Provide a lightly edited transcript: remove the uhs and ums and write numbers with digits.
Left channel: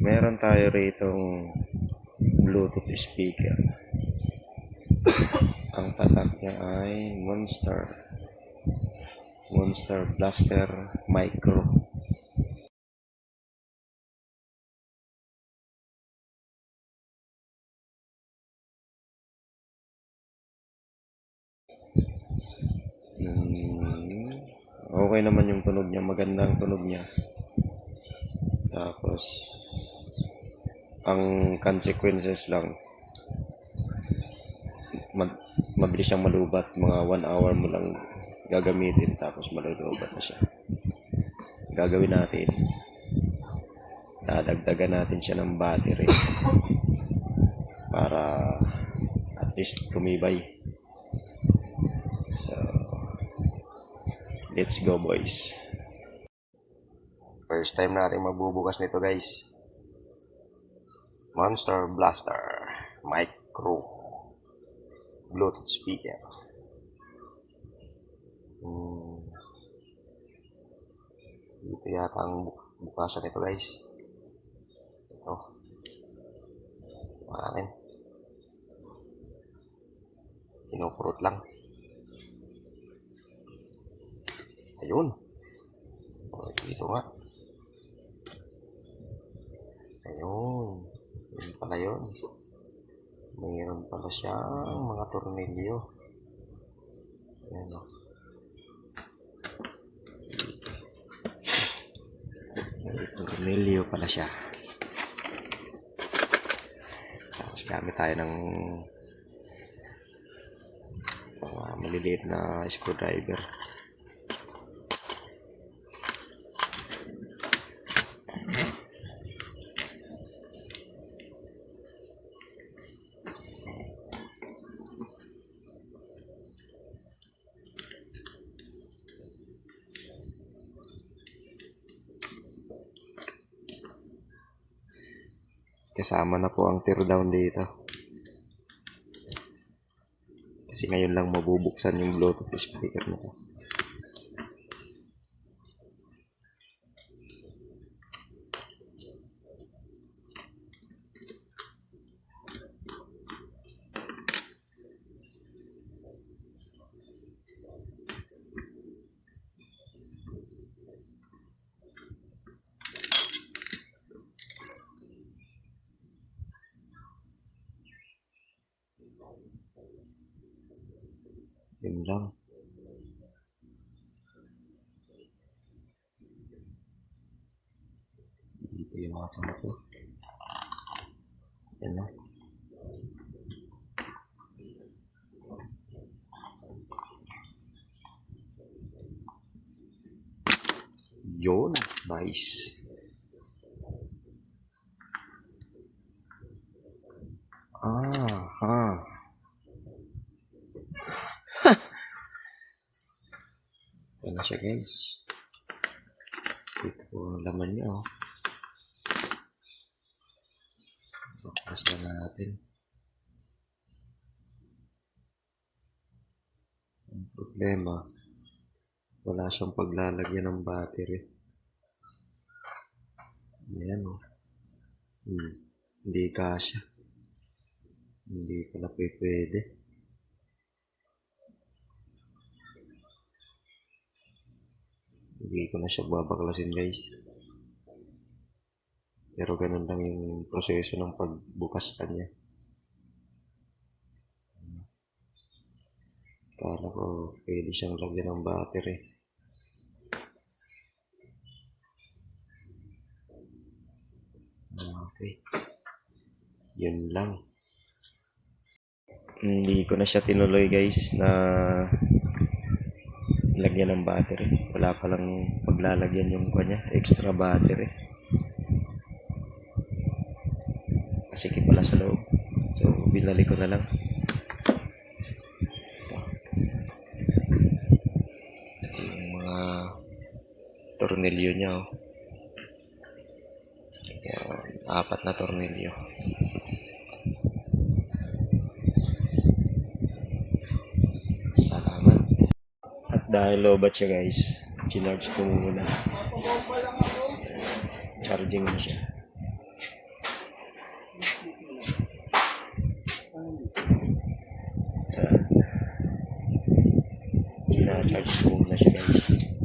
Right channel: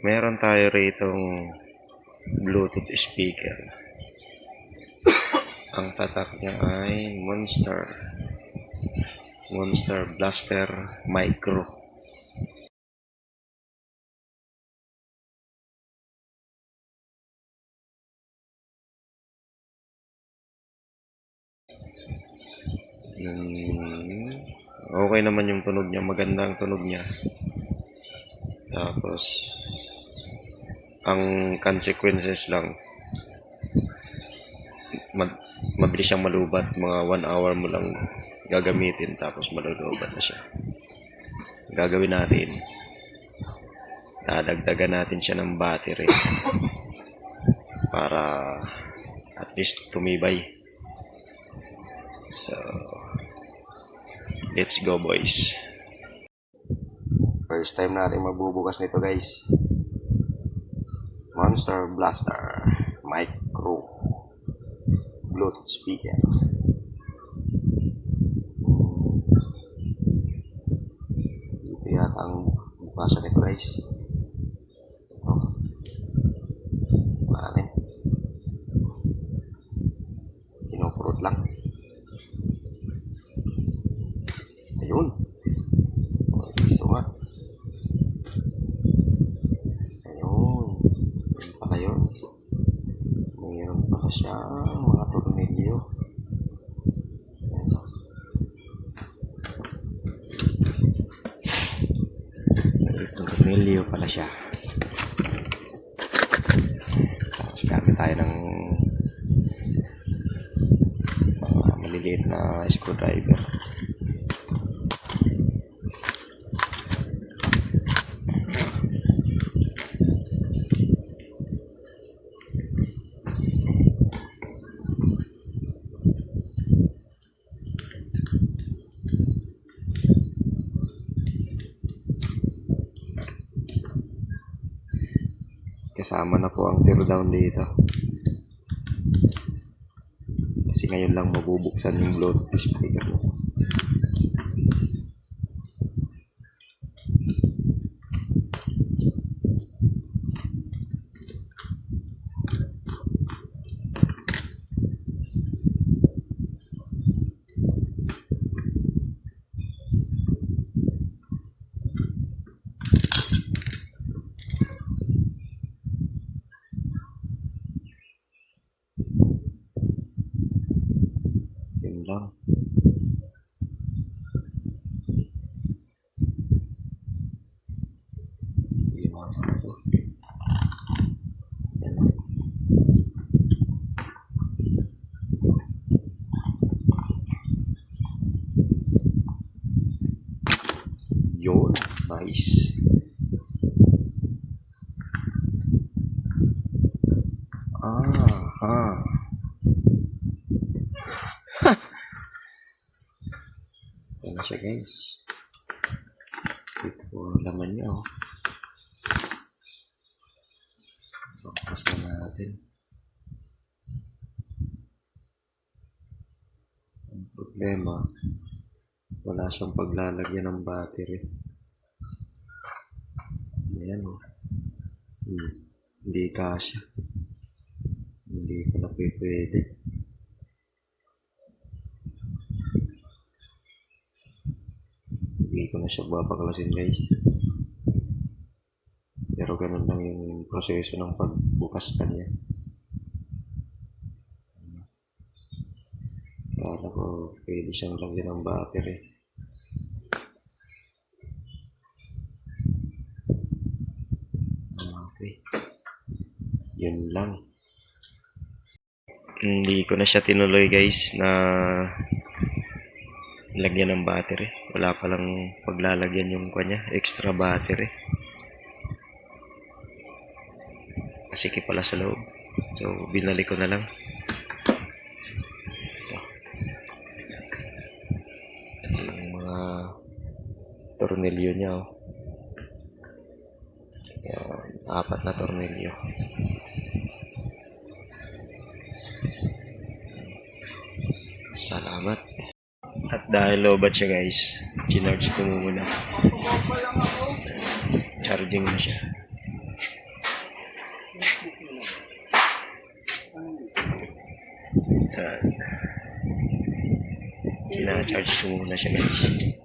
meron tayo ritong Bluetooth speaker. Ang tatak niya ay Monster Blaster Micro. Okay naman yung tunog niya, maganda ang tunog niya. Tapos ang consequences lang, mabilis siyang malubat. Mga 1 hour mo lang gagamitin tapos malulubat na siya. Gagawin natin, dadagdagan natin siya ng battery para at least tumibay. So let's go, boys. First time natin magbubukas nito, guys. Monster Blaster Micro Bluetooth speaker. Ito yata ang bukasan nito, guys. Ito. Natin. Pinupurot lang. Ayun. Dito nga. Ayun. Ayun pala yun. Mayroon pala siyang mga tornilyo. Ayan. May tornilyo pala siya. Tapos gamit tayo ng mga maliliit na screwdriver. Kasama na po ang tear down dito. Kasi ngayon lang mabubuksan yung Bluetooth speaker mo. Yun lang. Yung mga ito. Yan lang. Yun. Nice. Aha. Yan na siya, guys. Ito po ang laman niya, oh. Bukas na natin. Ang problema, wala siyang paglalagyan ng battery. Ayan, oh. Hindi kasya. Hindi ko na pwede. Hindi ko na siya babaklasin, guys. Pero ganun lang yung proseso ng pagbukas kanya. Kala ko pwede siyang lagyan ng battery. Okay. Yun lang. Hindi ko na siya tinuloy, guys, na lagyan ng battery. Wala palang paglalagyan yung kanya, extra battery. Masikip pala sa loob. So binalik ko na lang. Ito yung mga tornilyo niya, oh. Yan, 4 na tornilyo. Salamat. At dahil lobat siya, guys, chinarge ko muna. Charging na siya. Yan. Ina-charge ko muna siya guys.